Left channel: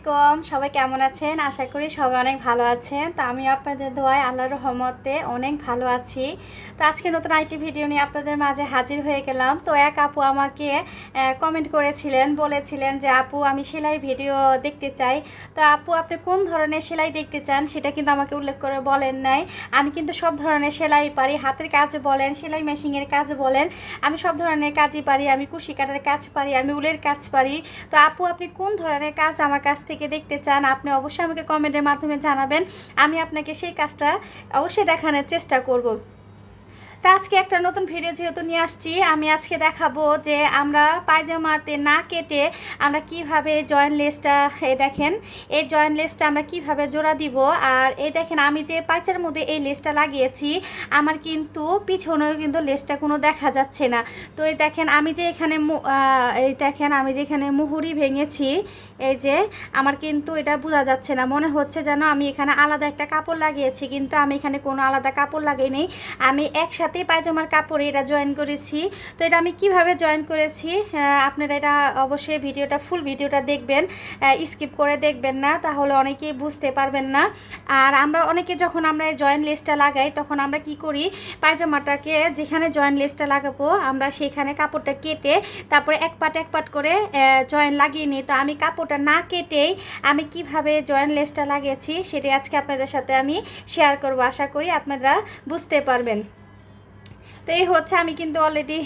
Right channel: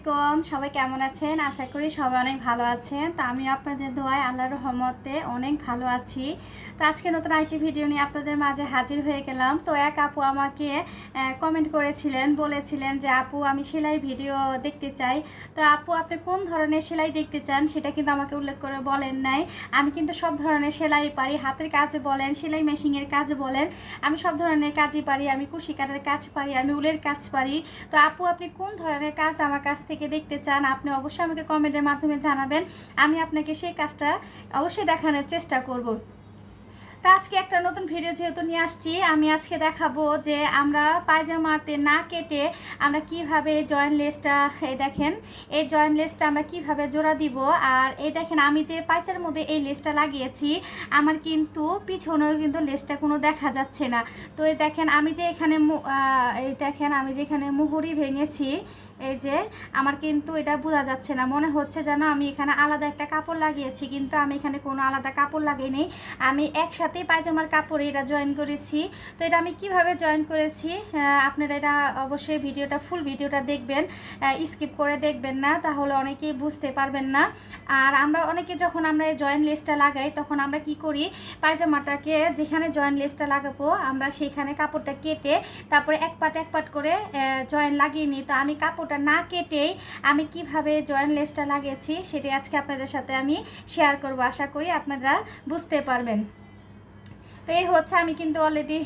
আলাইকুম, সবাই কেমন আছেন? আশা করি সবাই অনেক ভালো আছেন। তো আমি আপনাদের দোয়ায় আল্লাহর রহমতে অনেক ভালো আছি। তো আজকে নতুন আইটি ভিডিও নিয়ে আপনাদের মাঝে হাজির হয়ে গেলাম। তো এক আপু আমাকে কমেন্ট করেছিলেন, বলেছিলেন যে, আপু, আমি সেলাই ভিডিও দেখতে চাই। তো আপু, আপনি কোন ধরনের সেলাই দেখতে চান? সেটা কিন্তু আমাকে উল্লেখ করে বলেন নাই। আমি কিন্তু সব ধরনের সেলাই পারি। হাতের কাজ বলেন, সেলাই মেশিনের কাজ বলেন, আমি সব ধরনের কাজই পারি। আমি কুশি কাটার কাজ পারি, আমি উলের কাজ পারি। তো আপু, আপনি কোন ধরনের কাজ আমার কাছ থেকে দেখতে চান, আপনি অবশ্যই আমাকে কমেন্টের মাধ্যমে জানাবেন। আমি আপনাকে সেই কাজটা অবশ্যই দেখানোর চেষ্টা করব। তা আজকে একটা নতুন ভিডিও যেহেতু নিয়ে আসছি, আমি আজকে দেখাবো যে আমরা পায়জামাতে না কেটে আমরা কীভাবে জয়েন্ট লেসটা দেখেন, এই জয়েন্ট লেসটা আমরা কীভাবে জোড়া দিব, আর এই দেখেন আমি যে পাইচার মধ্যে এই লেসটা লাগিয়েছি, আমার কিন্তু পিছনেও কিন্তু লেসটা কোনো দেখা যাচ্ছে না। তো এই দেখেন আমি যে এখানে এই দেখেন আমি যে এখানে মুহুরি ভেঙেছি, এই যে আমার কিন্তু এটা বোঝা যাচ্ছে না। মনে হচ্ছে যেন আমি এখানে আলাদা একটা কাপড় লাগিয়েছি, কিন্তু আমি এখানে কোনো আলাদা কাপড় লাগাইনি। আমি একসাথেই পায়জামার কাপড়ে এটা জয়েন করেছি। তো এটা আমি কীভাবে জয়েন করেছি? আপনারা এটা অবশ্যই ভিডিওটা ফুল ভিডিওটা দেখবেন। স্কিপ করে দেখবেন না, তাহলে অনেকেই বুঝতে পারবেন না। আর আমরা অনেকে যখন আমরা জয়েন্ট লেসটা লাগাই, তখন আমরা কি করি? পায়জামাটাকে যেখানে জয়েন্ট লেসটা লাগাবো, আমরা সেখানে কাপড়টা কেটে তারপরে এক পাট এক পাট করে জয়েন লাগিয়ে নিই। তো আমি কাপড়টা না কেটেই আমি কীভাবে জয়েন্ট লেসটা লাগিয়েছি, সেটাই আজকে আপনাদের সাথে আমি শেয়ার করব। আশা করি আপনারা বুঝতে পারবেন। তো এই হচ্ছে আমি কিন্তু অলরেডি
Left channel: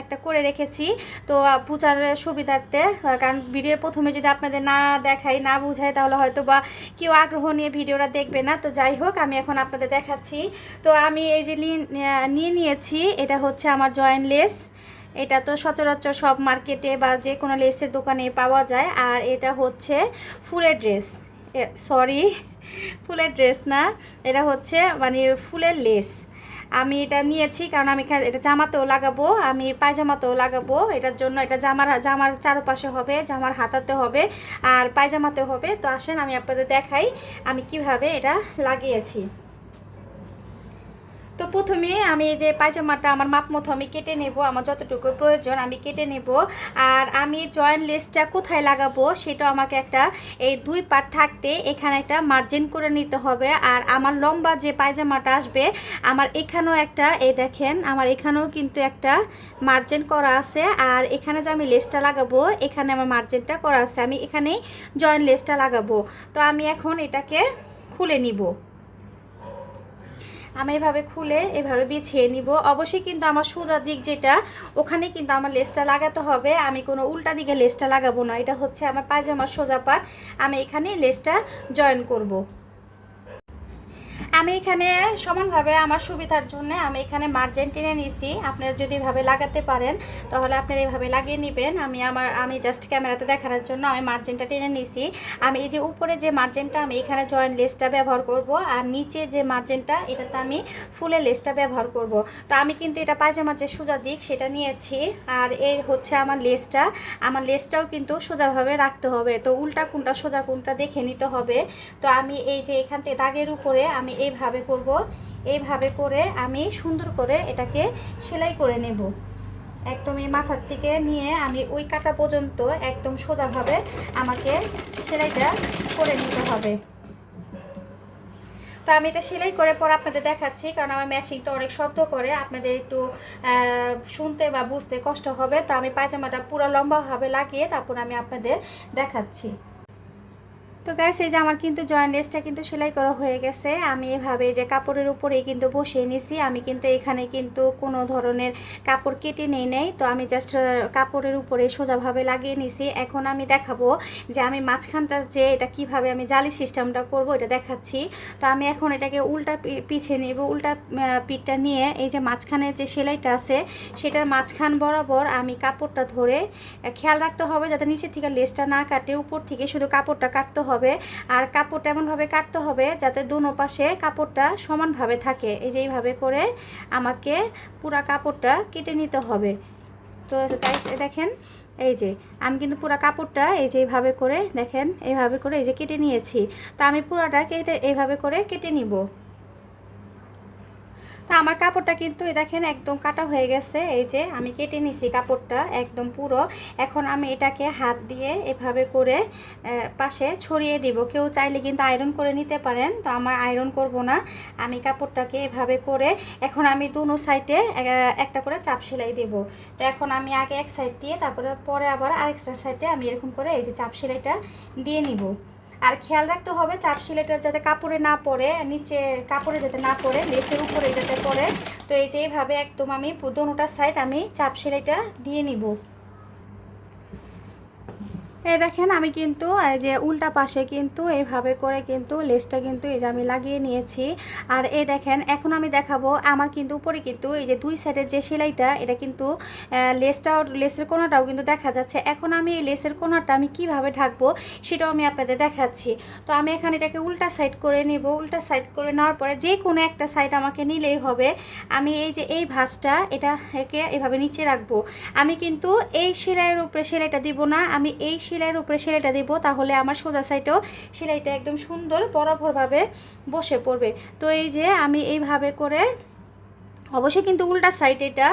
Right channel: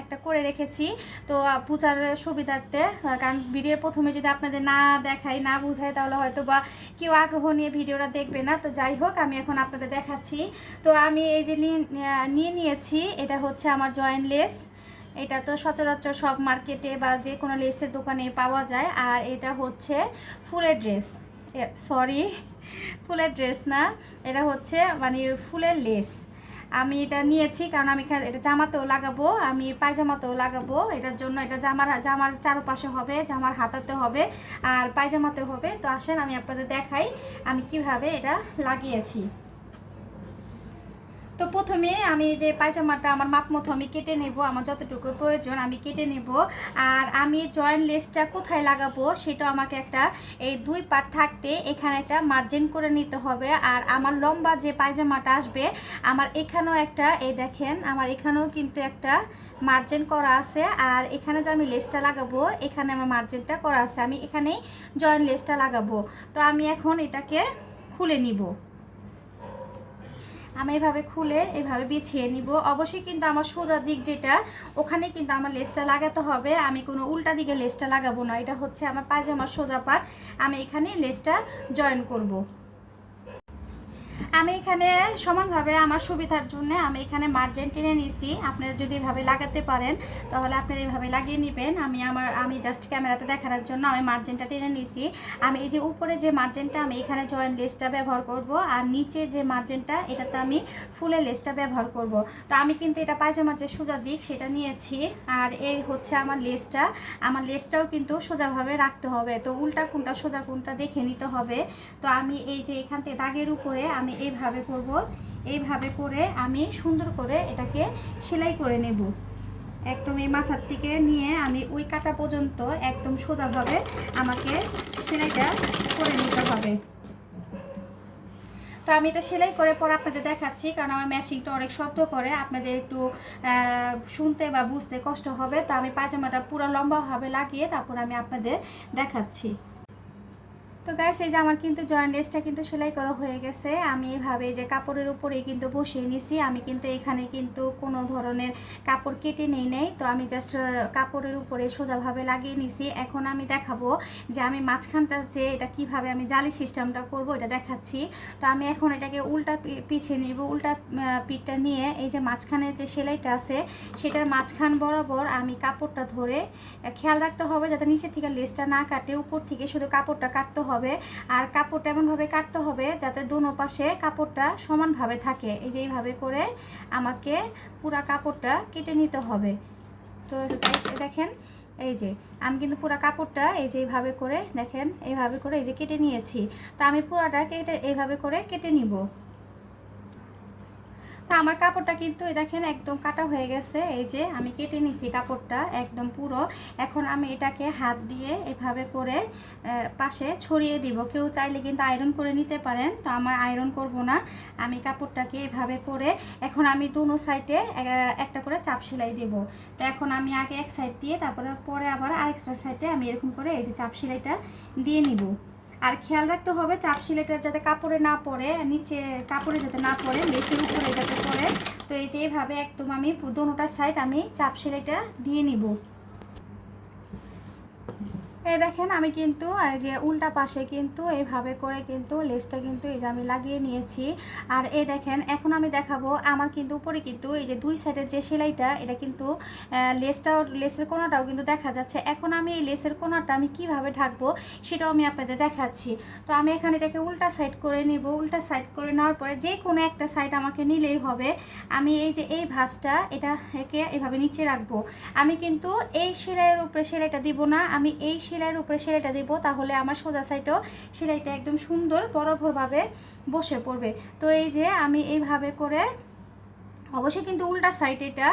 একটা করে রেখেছি। তো বুঝার সুবিধার্থে কারণ ভিডিওর প্রথমে যদি আপনাদের না দেখাই, না বুঝাই, তাহলে হয়তো বা কেউ আগ্রহ নিয়ে ভিডিওটা দেখবে না। তো যাই হোক, আমি এখন আপনাদের দেখাচ্ছি। তো আমি এই যে নিয়ে নিয়েছি, এটা হচ্ছে আমার জয়েন্ট লেস এটা তো সচরাচর সব মার্কেটে বা যে কোনো লেসের দোকানে পাওয়া যায়। আর এটা হচ্ছে ফুলের ড্রেস সরি ফুলের ড্রেস না, এটা হচ্ছে মানে ফুলের লেস আমি এটা নিয়েছি কারণ আমি এটা জামাতেও লাগাবো, আমি পায়জামাতেও লাগাবো। এটার জন্য এটা জামার জামার চারপাশে হবে, জামার হাতাতে হবে আর পায়জামাতে হবে। তো আসেন, আমি আপনাদের দেখাই আমি কীভাবে এটা লাগিয়েছি। তো প্রথমে আমি এই যে পায়জামাটা আমার মাপ মতো আমি কেটে নেব, আমার যতটুকু প্রয়োজন আমি কেটে নেব। আর আমি জয়েন্ট লেসটা কোথায় লাগাবো সেটা আমাকে একটা এই দুই পার্ট থাকতে এখানে একটা মার্জিন করে নিতে হবে। আর আমার লম্বা যে পায়জামাটা আসবে, আমার এখানেও একটা, এই দেখেন, আমার এখানেও কিন্তু একটা মার্জিন করা আছে। আর এখানে যে আমি লেসটা লাগাবো, এখানে আমার মার্জিনটা করা আছে। আমি এখানেই জয়েন্ট লেসটা লাগাবো। তো আমি এখন এটাকে খুলে নিব। আমি এভাবে খুলে এভাবে বিছিয়ে নিব। অবশ্যই কিন্তু আমার সোজা দিক যেটা, ওখানে কিন্তু আমার লেসটা লাগাতে হবে। আমি কোনো উল্টা দিকে লেসটা লাগাবো না। এটা হচ্ছে আমার পায়জামার সোজা পাট। আমি এখানে লেসটা জয়েন করব। আমি এখানে সমানভাবে আমার সুবিধার জন্য আমি এখানে মার্জিন টেনে নিয়েছি। আপনারা যদি এভাবে লাগাতে পারেন, তাহলে আপনারা এভাবে লাগিয়ে নেবেন। আমি আমার, আমি জাস্ট ক্যামেরাতে দেখানোর জন্য আমি মার্জিনটা টেনে নিয়েছি। আমি এই যে উপরে যে মার্জিনটা আমি এখানে জয়েন্ট লেসটা ব্যবহার করব আর নিচে যে মার্জিনটা এটাতে আমি ফুলের লেসটা ব্যবহার করব। তো আমি কিন্তু এটা পায়জামার যে সোজা দিক, সেটা নিয়েছি। আর এই হচ্ছে আমার লেসটা আমার লেসটাও কিন্তু সোজাভাবে রাখতে হবে। তো উল্টা কোনটা সোজা কোনটা দেখে নিতে হবে। তো আমি এই যে এখান থেকে দাগের উপরে আমি এইভাবে করব। এইভাবে করে আমি সুন্দর করে এটাকে সেলাই করে নেব। একদম এই মাথার থেকে নিয়ে আমি ওই কাটা পর্যন্ত একদম সোজাভাবে আমাকে সেলাইটা করে নিতে হবে। তো আমি এটা সেলাই করে পর আপনাদের দেখাচ্ছি, কারণ আমার মেশিনটা অনেক শব্দ করে, আপনাদের একটু শুনতে বা বুঝতে কষ্ট হবে। তো আমি পায়জামাটা পুরো লম্বাভাবে লাগিয়ে তারপর আমি আপনাদের দেখাচ্ছি। তো গ্যাস এই যে আমার কিন্তু জয়েন্ট লেসটা কিন্তু সেলাই করা হয়ে গেছে। আমি এভাবে যে কাপড়ের উপরেই কিন্তু বসিয়ে নিছি। আমি কিন্তু এখানে কিন্তু কোনো ধরনের কাপড় কেটে নেই নেই। তো আমি জাস্ট কাপড়ের উপরে সোজাভাবে লাগিয়ে নিছি। এখন আমি দেখাবো যে আমি মাঝখানটা যে এটা কীভাবে আমি জালি সিস্টেমটা করব, এটা দেখাচ্ছি। তো আমি এখন এটাকে উল্টা পিছিয়ে নিব। উল্টা পিঠটা নিয়ে এই যে মাঝখানে যে সেলাইটা আছে, সেটার মাঝখান বরাবর আমি কাপড়টা ধরে খেয়াল রাখতে হবে যাতে নিচে থেকে লেসটা না কাটে। উপর থেকে শুধু কাপড়টা কাটতে হবে আর কাপড়টা এমনভাবে কাটতে হবে যাতে দোনো পাশে কাপড়টা সমানভাবে থাকে। এই যে এইভাবে করে আমাকে পুরা কাপড়টা কেটে নিতে হবে। তো দেখেন, এই যে, আমি কিন্তু পুরো কাপড়টা এই যে এইভাবে করে দেখেন, এইভাবে করে এই যে কেটে নিয়েছি। তো আমি পুরাটা কেটে এইভাবে করে কেটে নিব। তো আমার কাপড়টা কিন্তু দেখেন একদম কাটা হয়ে গেছে। এই যে আমি কেটে নিছি কাপড়টা একদম পুরো। এখন আমি এটাকে হাত দিয়ে এভাবে করে পাশে ছড়িয়ে দিব। কেউ চাইলে কিন্তু আয়রন করে নিতে পারেন, তো আমার আয়রন করব না। আমি কাপড়টাকে এভাবে করে, এখন আমি দুনো সাইডে একটা করে চাপ সেলাই দেব। তো এখন আমি আগে এক সাইড দিয়ে, তারপরে পরে আবার আরেকটা সাইডে আমি এরকম করে এই যে চাপ সেলাইটা দিয়ে নিব। আর খেয়াল রাখতে হবে, চাপ সেলাইটা যাতে কাপড়ে না পড়ে, নিচে কাপড়ে যাতে না পড়ে লেসের উপরে যাতে তো এই যে এইভাবে একদম আমি পুদনোটার সাইড আমি চাপ সেলাইটা দিয়ে নিব। এই দেখেন, আমি কিন্তু যে উল্টা পাশে কিন্তু এইভাবে করে কিন্তু লেসটা কিন্তু এই যে আমি লাগিয়ে নিয়েছি। আর এই দেখেন, এখন আমি দেখাবো আমার কিন্তু উপরে কিন্তু এই যে দুই সাইডের যে সেলাইটা, এটা কিন্তু লেসটাও, লেসের কোনাটাও কিন্তু দেখা যাচ্ছে। এখন আমি এই লেসের কোনাটা আমি কীভাবে ঢাকবো সেটাও আমি আপনাদের দেখাচ্ছি। তো আমি এখানে এটাকে উল্টা সাইড করে নিব। উল্টা সাইড করে নেওয়ার পরে যে কোনো একটা সাইড আমাকে নিলেই হবে। আমি এই যে এই ভাঁজটা এটা একে এভাবে নিচে রাখব। আমি কিন্তু এই সেলাইয়ের উপরে সেলাইটা দিব না। আমি এই সেলাইয়ের উপরে সেলাইটা দিব, তাহলে আমার সোজা সাইডেও সেলাইটা একদম সুন্দর বরাবরভাবে বসে পড়বে। তো এই যে আমি এইভাবে করে, অবশ্যই কিন্তু উল্টা সাইড এটা,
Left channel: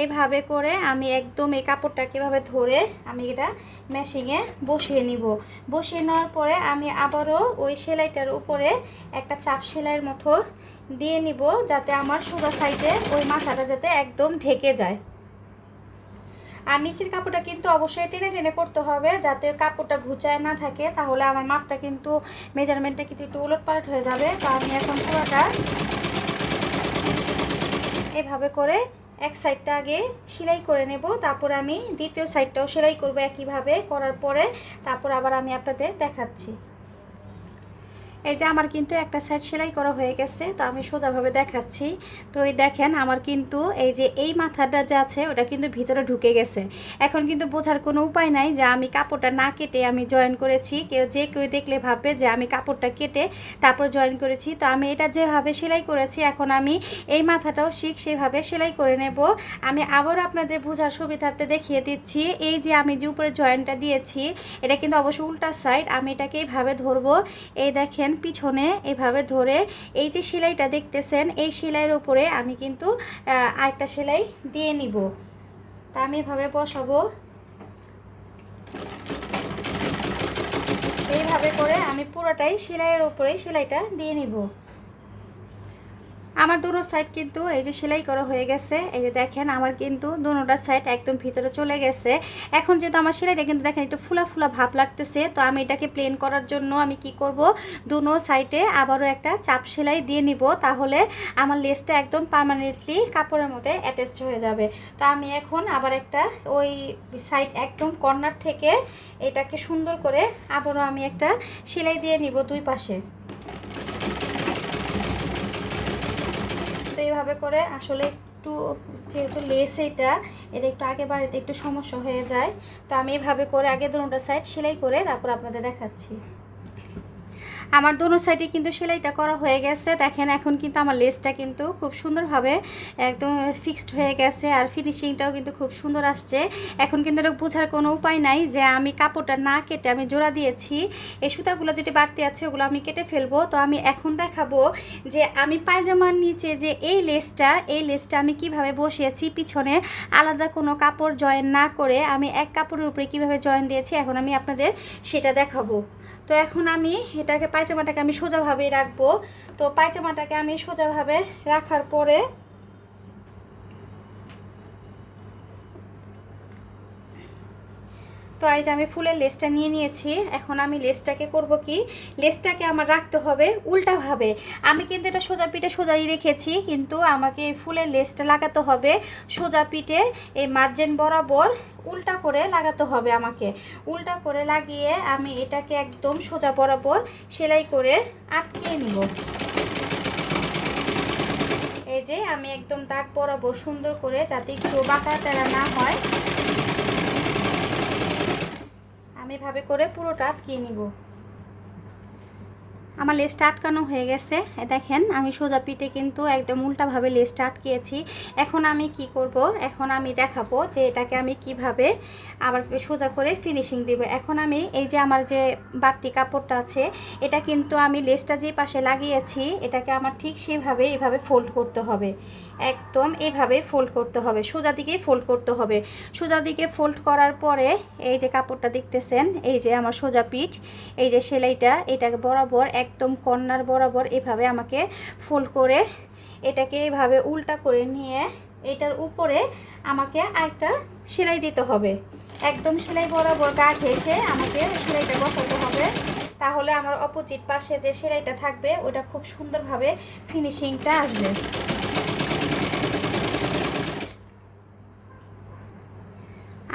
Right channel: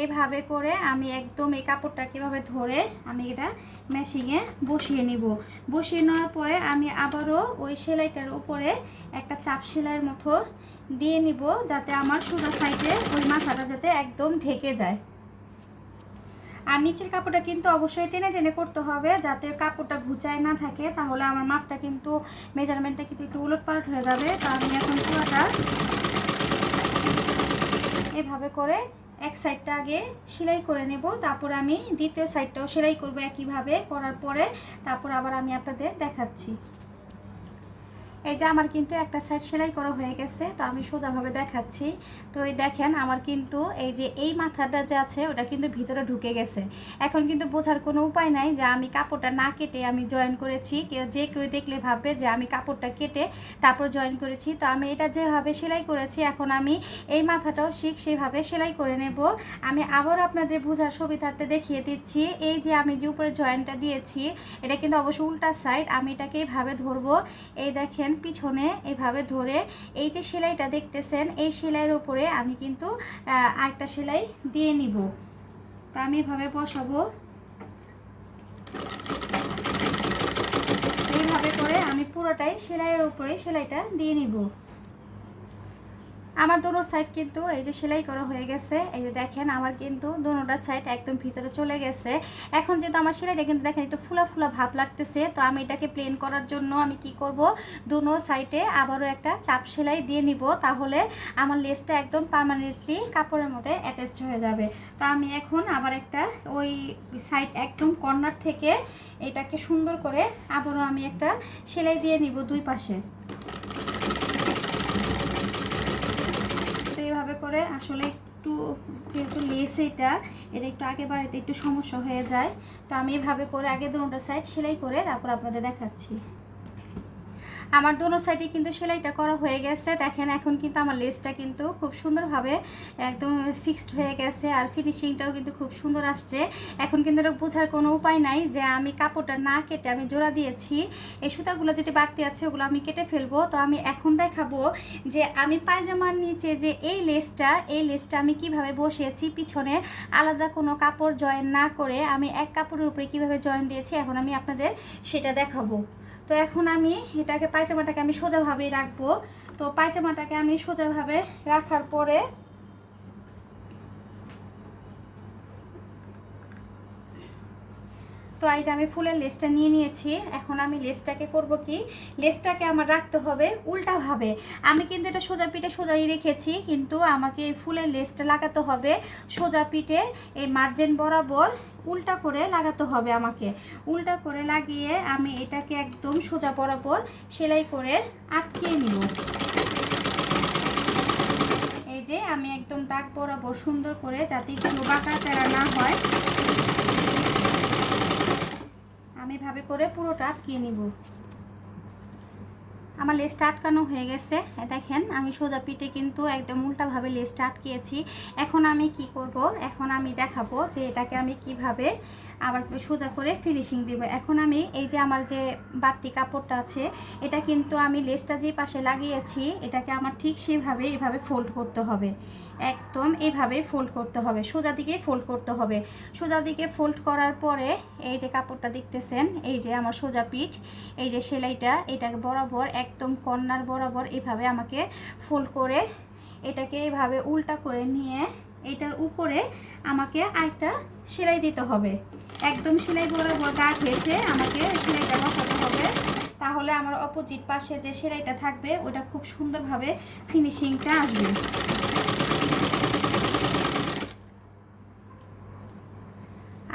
এইভাবে করে আমি একদম এই কাপড়টাকে এভাবে ধরে আমি এটা মেশিংয়ে বসিয়ে নিব। বসিয়ে নেওয়ার পরে আমি আবারও ওই সেলাইটার উপরে একটা চাপ সেলাইয়ের মতো দিয়ে নিব, যাতে আমার সোজা সাইডে ওই মাথাটা যাতে একদম ঢেকে যায়। আর নিচের কাপড়টা কিন্তু অবশ্যই টেনে টেনে করতে হবে যাতে কাপড়টা ঘুচায় না থাকে। তাহলে আমার মাপটা কিন্তু মেজারমেন্টটা কিন্তু একটু উলট পালট হয়ে যাবে। কারণ এখন পুরোটা এভাবে করে এক সাইডটা আগে সেলাই করে নেব। তারপরে আমি দ্বিতীয় সাইডটাও সেলাই করব একইভাবে করার পরে। তারপর আবার আমি আপনাদের দেখাচ্ছি। এই যে আমার কিন্তু একটা সাইড সেলাই করা হয়ে গেছে, তো আমি সোজাভাবে দেখাচ্ছি। তো এই দেখেন, আমার কিন্তু এই যে এই মাথাটা যে আছে, ওটা কিন্তু ভিতরে ঢুকে গেছে। এখন কিন্তু বোঝার কোনো উপায় নাই যে আমি কাপড়টা না কেটে আমি জয়েন করেছি। কেউ যে কেউ দেখলে ভাববে যে আমি কাপড়টা কেটে তারপর জয়েন করেছি। তো আমি এটা যেভাবে সেলাই করেছি, এখন আমি এই মাথাটাও শিখ সেভাবে সেলাই করে নেব। আমি আবারও আপনাদের বোঝার সুবিধার্থে দেখিয়ে দিচ্ছি। এই যে আমি যে উপরে জয়েনটা দিয়েছি, এটা কিন্তু অবশ্যই উল্টা সাইড আমি এটাকে এইভাবে ধরবো। এই দেখেন পিছনে এভাবে ধরে এই যে সেলাইটা দেখতেছেন, এই সেলাইয়ের উপরে আমি কিন্তু আরেকটা সেলাই দিয়ে নিব। তা আমি এভাবে বসাবো। এইভাবে করে আমি পুরোটাই সেলাইয়ের উপরে সেলাইটা দিয়ে নিব। আমার দুটো সাইড কিন্তু এই যে সেলাই করা হয়ে গেছে। এই যে দেখেন, আমার কিন্তু দুটোটা সাইড একদম ভিতরে চলে গেছে। এখন যেহেতু আমার সেলাইটা কিন্তু দেখেন একটু ফুলা ফুলা ভাব লাগতেছে, তো আমি এটাকে প্লেন করার জন্য আমি কি করব? দুনো সাইডে আবারও একটা চাপ সেলাই দিয়ে নিব, তাহলে আমার লেসটা একদম পার্মানেন্টলি কাপড়ের মধ্যে অ্যাটাচ হয়ে যাবে। তো আমি এখন আবার একটা ওই সাইড একদম কর্নার থেকে এটাকে সুন্দর করে আবারও আমি একটা সেলাই দিয়ে নিব দুই পাশে। এইভাবে করে আসলে একটু যেহেতু লেস এটা এটা একটু আগে বাড়িতে একটু সমস্যা হয়ে যায়। তো আমি এভাবে করে আগে দুটো সাইড সেলাই করে তারপর আপনাদের দেখাচ্ছি। আমার দোনো সাইডে কিন্তু সেলাইটা করা হয়ে গেছে। দেখেন, এখন কিন্তু আমার লেসটা কিন্তু খুব সুন্দরভাবে একদম ফিক্সড হয়ে গেছে আর ফিনিশিংটাও কিন্তু খুব সুন্দর আসছে। এখন কিন্তু এটা বোঝার কোনো উপায় নাই যে আমি কাপড়টা না কেটে আমি জোড়া দিয়েছি। এই সুতাগুলো যেটি বাড়তি আছে, ওগুলো আমি কেটে ফেলব। তো আমি এখন দেখাবো যে আমি পায়জামার নিচে যে এই লেসটা এই লেসটা আমি কীভাবে বসিয়েছি, পিছনে আলাদা কোনো কাপড় জয়েন না করে আমি এক কাপড়ের উপরে কীভাবে জয়েন দিয়েছি, এখন আমি আপনাদের সেটা দেখাবো। তো এখন আমি এটাকে পায়চামাটাকে আমি সোজাভাবেই রাখব। তো পায়চামাটাকে আমি সোজাভাবে রাখার পরে তো এই যে আমি ফুলের লেসটা নিয়ে নিয়েছি, এখন আমি লেসটাকে করব কি? লেসটাকে আমার রাখতে হবে উল্টাভাবে আমি কিন্তু এটা সোজা পিঠে সোজাই রেখেছি, কিন্তু আমাকে এই ফুলের লেসটা লাগাতে হবে। সোজা পিঠে এই মার্জেন বরাবর উল্টা করে লাগাতে হবে আমাকে। উল্টা করে লাগিয়ে আমি এটাকে একদম সোজা বরাবর সেলাই করে আটকিয়ে নিব। এই যে আমি একদম দাগ বরাবর সুন্দর করে যাতে একটু বাঁকা তেরা না হয়। আমি ভাবে করে পুরোটা আটকিয়ে নিব। আমার লেসটা আটকানো হয়ে গেছে। দেখেন, আমি সোজা পিঠে কিন্তু একদম উল্টাভাবে লেসটা আটকিয়েছি। এখন আমি কি করব? এখন আমি দেখাবো যে এটাকে আমি কীভাবে আবার সোজা করে ফিনিশিং দিব। এখন আমি এই যে আমার যে বাড়তি কাপড়টা আছে, এটা কিন্তু আমি লেসটা যে পাশে লাগিয়েছি, এটাকে আমার ঠিক সেভাবে এভাবে ফোল্ড করতে হবে। একদম এভাবে ফোল্ড করতে হবে। সোজা দিকে ফোল্ড করতে হবে। সোজা দিকে ফোল্ড করার পরে এই যে কাপড়টা দেখতেছেন, এই যে আমার সোজা পিঠ, এই যে সেলাইটা এটাকে বরাবর একদম কর্নার বরাবর এভাবে আমাকে ফোল্ড করে এটাকে এভাবে উল্টা করে নিয়ে এটার উপরে আমাকে আরেকটা সেলাই দিতে হবে। একদম সেলাই বরাবর দাগ এসে আমাকে সেলাইটা বসাতে হবে। তাহলে আমার অপোজিট পাশে যে সেলাইটা থাকবে, ওটা খুব সুন্দরভাবে ফিনিশিংটা আসবে।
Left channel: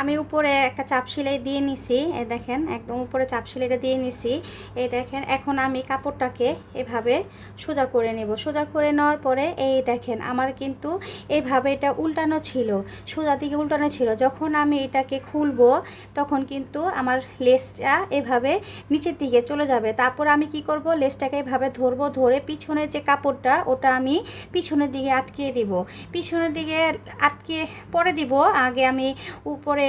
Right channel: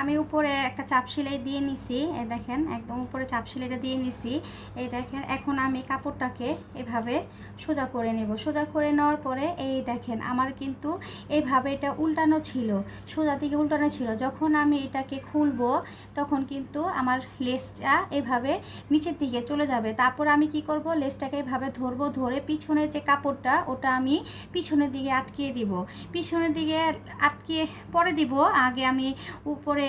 আমি উপরে একটা চাপ সেলাই দিয়ে নিছি এই দেখেন একদম উপরে চাপ সেলাইটা দিয়ে নিছি। এই দেখেন এখন আমি কাপড়টাকে এভাবে সোজা করে নেব। সোজা করে নেওয়ার পরে এই দেখেন আমার কিন্তু এইভাবে এটা উল্টানো ছিল সোজা দিকে উল্টানো ছিল। যখন আমি এটাকে খুলবো তখন কিন্তু আমার লেসটা এভাবে নিচের দিকে চলে যাবে। তারপর আমি কি করব? লেসটাকে এভাবে ধরবো ধরে পিছনের যে কাপড়টা ওটা আমি পিছনের দিকে আটকিয়ে দিব। পিছনের দিকে আটকিয়ে পরে দিব আগে আমি উপরে এ,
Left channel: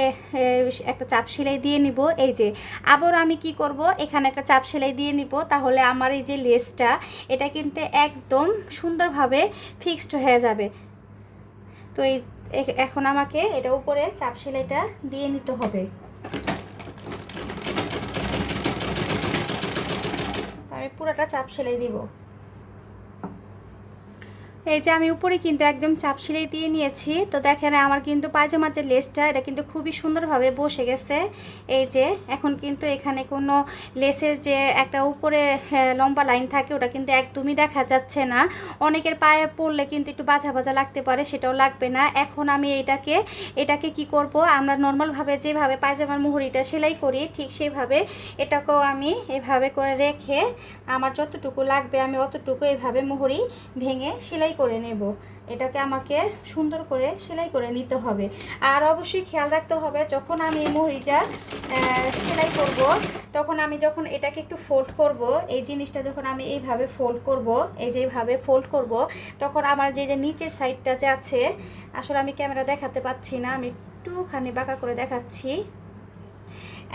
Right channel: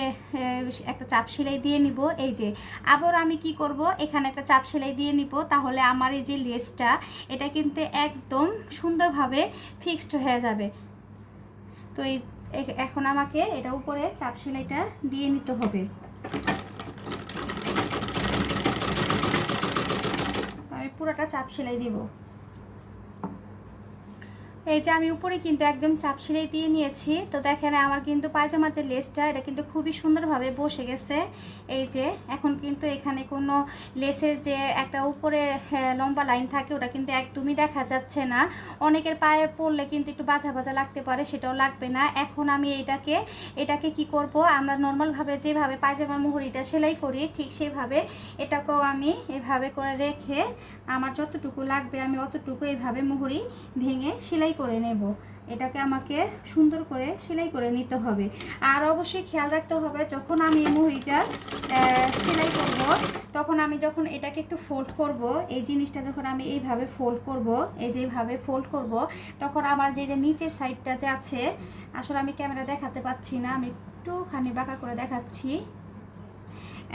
একটা চাপ সেলাই দিয়ে নিব। এই যে, আবার আমি কি করব? এখানে একটা চাপ সেলাই দিয়ে নিব। তাহলে আমার এই যে লেসটা, এটা কিন্তু একদম সুন্দরভাবে ফিক্সড হয়ে যাবে। তো এই এখন আমাকে এটা উপরে চাপ সেলাইটা দিয়ে নিতে হবে। আমি পুরোটা চাপ সেলাই দিব। এই যে আমি উপরে কিন্তু একদম চাপ সিলাই দিয়ে নিয়েছি। তো দেখেন আমার কিন্তু পায়জামার যে লেসটা এটা কিন্তু খুবই সুন্দরভাবে বসে গেছে। এই যে এখন কিন্তু এখানে কোনো লেসের যে একটা উপরে হ্যাঁ, লম্বা লাইন থাকে ওটা কিন্তু একদমই দেখা যাচ্ছে না। অনেকের পায়ে পড়লে কিন্তু একটু বাজা বাজা লাগতে পারে সেটাও লাগবে না। এখন আমি এটাকে এটাকে কি করব? আমরা নর্মালভাবে যেভাবে পায়জামার মুহুরিটা সেলাই করি ঠিক সেইভাবে এটাকেও আমি এভাবে করে রেখে আমার যতটুকু লাগবে আমি অতটুকু এভাবে মুহুরি ভেঙে সেলাই করে নেব। এটাকে আমাকে সুন্দর করে সেলাই করে নিতে হবে। আর অবশ্যই খেয়াল রাখতে হবে, যখন আমি এই মুহুরিটা সেলাই করব, তখন আমি যখন এটাকে একটু ফোল্ড করব, এই জিনিসটা যখন আমি এইভাবে ফোল্ড করব, এই যে এইভাবে ফোল্ড করব, তখন আমার যে যে নিচের সাইডটা যে আছে, আসলে আমি ক্যামেরা দেখাতে পাচ্ছি না, আমি একটুখানি বাঁকা করে দেখাচ্ছি।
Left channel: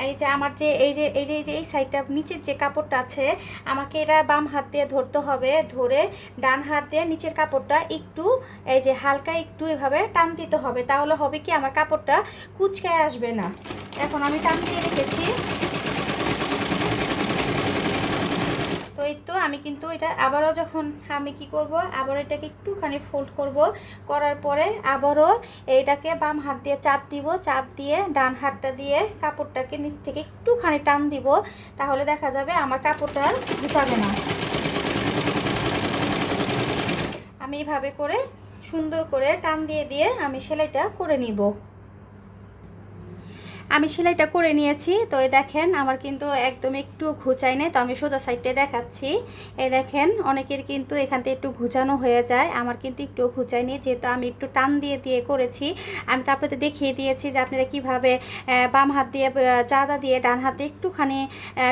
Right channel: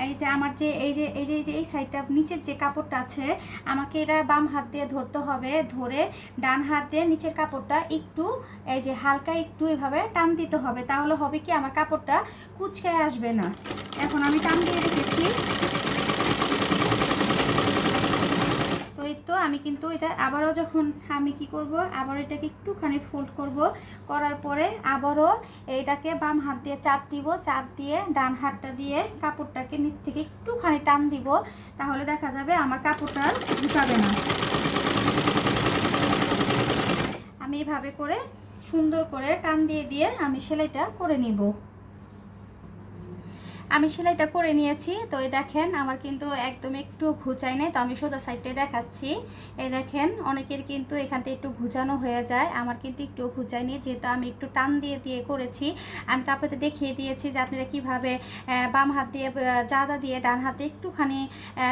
এই যে আমার যে, এই যে এই যে এই যে, এই সাইডটা, নিচের যে কাপড়টা আছে, আমাকে এটা বাম হাত দিয়ে ধরতে হবে। ধরে ডান হাত দিয়ে নিচের কাপড়টা একটু, এই যে হালকা একটু এভাবে টান দিতে হবে। তাহলে হবে কি, আমার কাপড়টা কুচকায় আসবে না। এখন আমি টান দিয়ে রেখেছি। এই তো আমি কিন্তু এটা আবারও যখন আমি কি করব আবার এটাকে একটুখানি ফোল্ড করব। করার পরে আবারও এটাকে বাম হাত দিয়ে চাপ দিব, চাপ দিয়ে ডান হাতটা দিয়ে কাপড়টাকে নিচ থেকে একটুখানি টান দিব, তাহলে দেখা যাবে আমার কাপড়টা ঢুকাবে না। আমি এইভাবে করে সুন্দর করে টান দিয়ে দিয়ে আমি সেলাইটা করে নিব। আমি সেলাইটা করে নিয়েছি। তো এই দেখেন, আমার কিন্তু একদম একটু ঘুচাই নাই, তো আমি সোজা সাইডে দেখাচ্ছি। এই দেখেন, অনেকের কিন্তু এখান থেকে একটু ঘুচানো হয়ে যায়, আমার কিন্তু একটু ঘুচাই নিয়ে যেহেতু আমি একটু টান দিয়ে দিয়ে করেছি। আমি তো দেখিয়ে দিয়েছি যে আপনারা কীভাবে বাম হাত দিয়ে জাদা দিয়ে ডান হাতে একটুখানি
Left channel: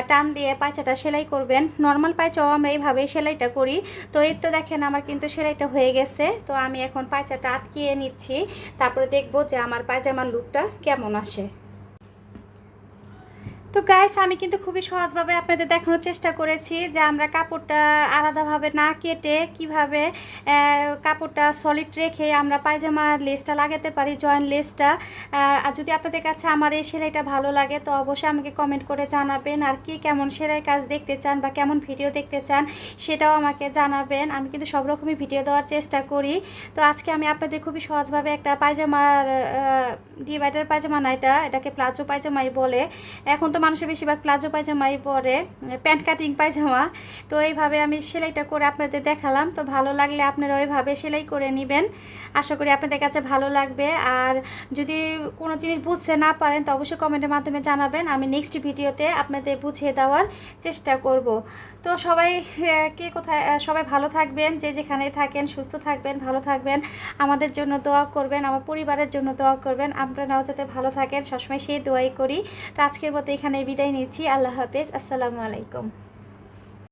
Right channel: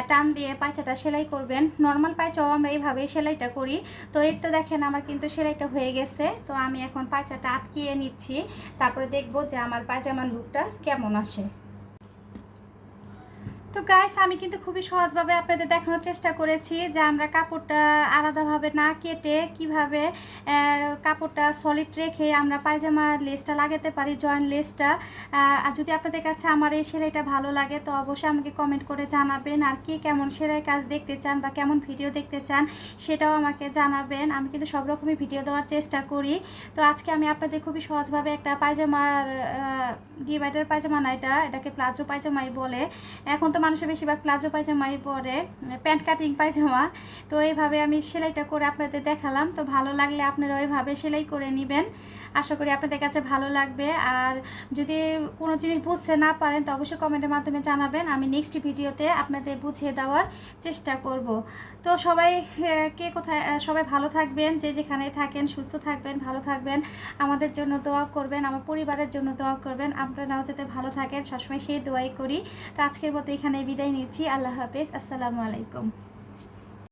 টান দিয়ে পায়চাটা সেলাই করবেন। নর্মাল পায়চাও আমরা এইভাবে সেলাইটা করি। তো এর তো দেখেন, আমার কিন্তু সেলাইটা হয়ে গেছে। তো আমি এখন পায়চাটা আটকিয়ে নিচ্ছি। তারপরে দেখব যে আমার পায়জামার লুকটা কেমন আসে। তো গাইস আমি কিন্তু খুবই সহজভাবে আপনাদের দেখানোর চেষ্টা করেছি যে আমরা কাপড়টা আলাদাভাবে না কেটে কীভাবে কাপড়টা সলিড রেখে আমরা পায়জামার লেসটা লাগাতে পারি জয়েন্ট লেসটা আর যদি আপনাদের কাছে আমার এই সেলাইটা ভালো লাগে, তো অবশ্যই আমাকে কমেন্ট করে জানাবেন। আর কি কেমন সেলাই কাজ দেখতে চান বা কেমন ভিডিও দেখতে চান, সেটাও আমাকে জানাবেন। আমি কিন্তু সব রকমই ভিডিও দেওয়ার চেষ্টা করি। তো আজকে আমি আপনাদের খুবই সহজভাবে একটা পায়জামার ডিভাইডার পায়জামা না এটা, এটাকে প্লাজো পায়জামাই বলে। এখন তো মানুষের বেশিরভাগ প্লাজো পায়জামাই পরে প্যান্ট কাটিং পায়জামা। তো এইভাবে আমি সেলাইটা করে আপনাদের দেখালাম। তো ভালো লাগলে আপনারা ওইভাবে সেলাই করে নেবেন। আশা করি আপনাদের কাছে ভালো লাগবে। আর যদি কোনো জিনিস বুঝতে না পারেন, তো অবশ্যই কমেন্টের মাধ্যমে জানাবেন। আমি নেক্সট ভিডিওতে আপনাদের বুঝিয়ে দেওয়ার চেষ্টা করব। তো সবাই কে কোথায় সবাই ভালো থাকবেন, যে যেখানে থাকেন, সুস্থ থাকবেন, ভালো থাকবেন। আমাদের জন্য দোয়া করবেন, আমার পরিবারের জন্য দোয়া করবেন। আপনারাও যাতে ভালো থাকেন। সবসময় সেই দোয়াই করি। তো আজকের মতো এখানে বিদায় নিচ্ছি। আল্লাহ হাফেজ। আসসালামু আলাইকুম।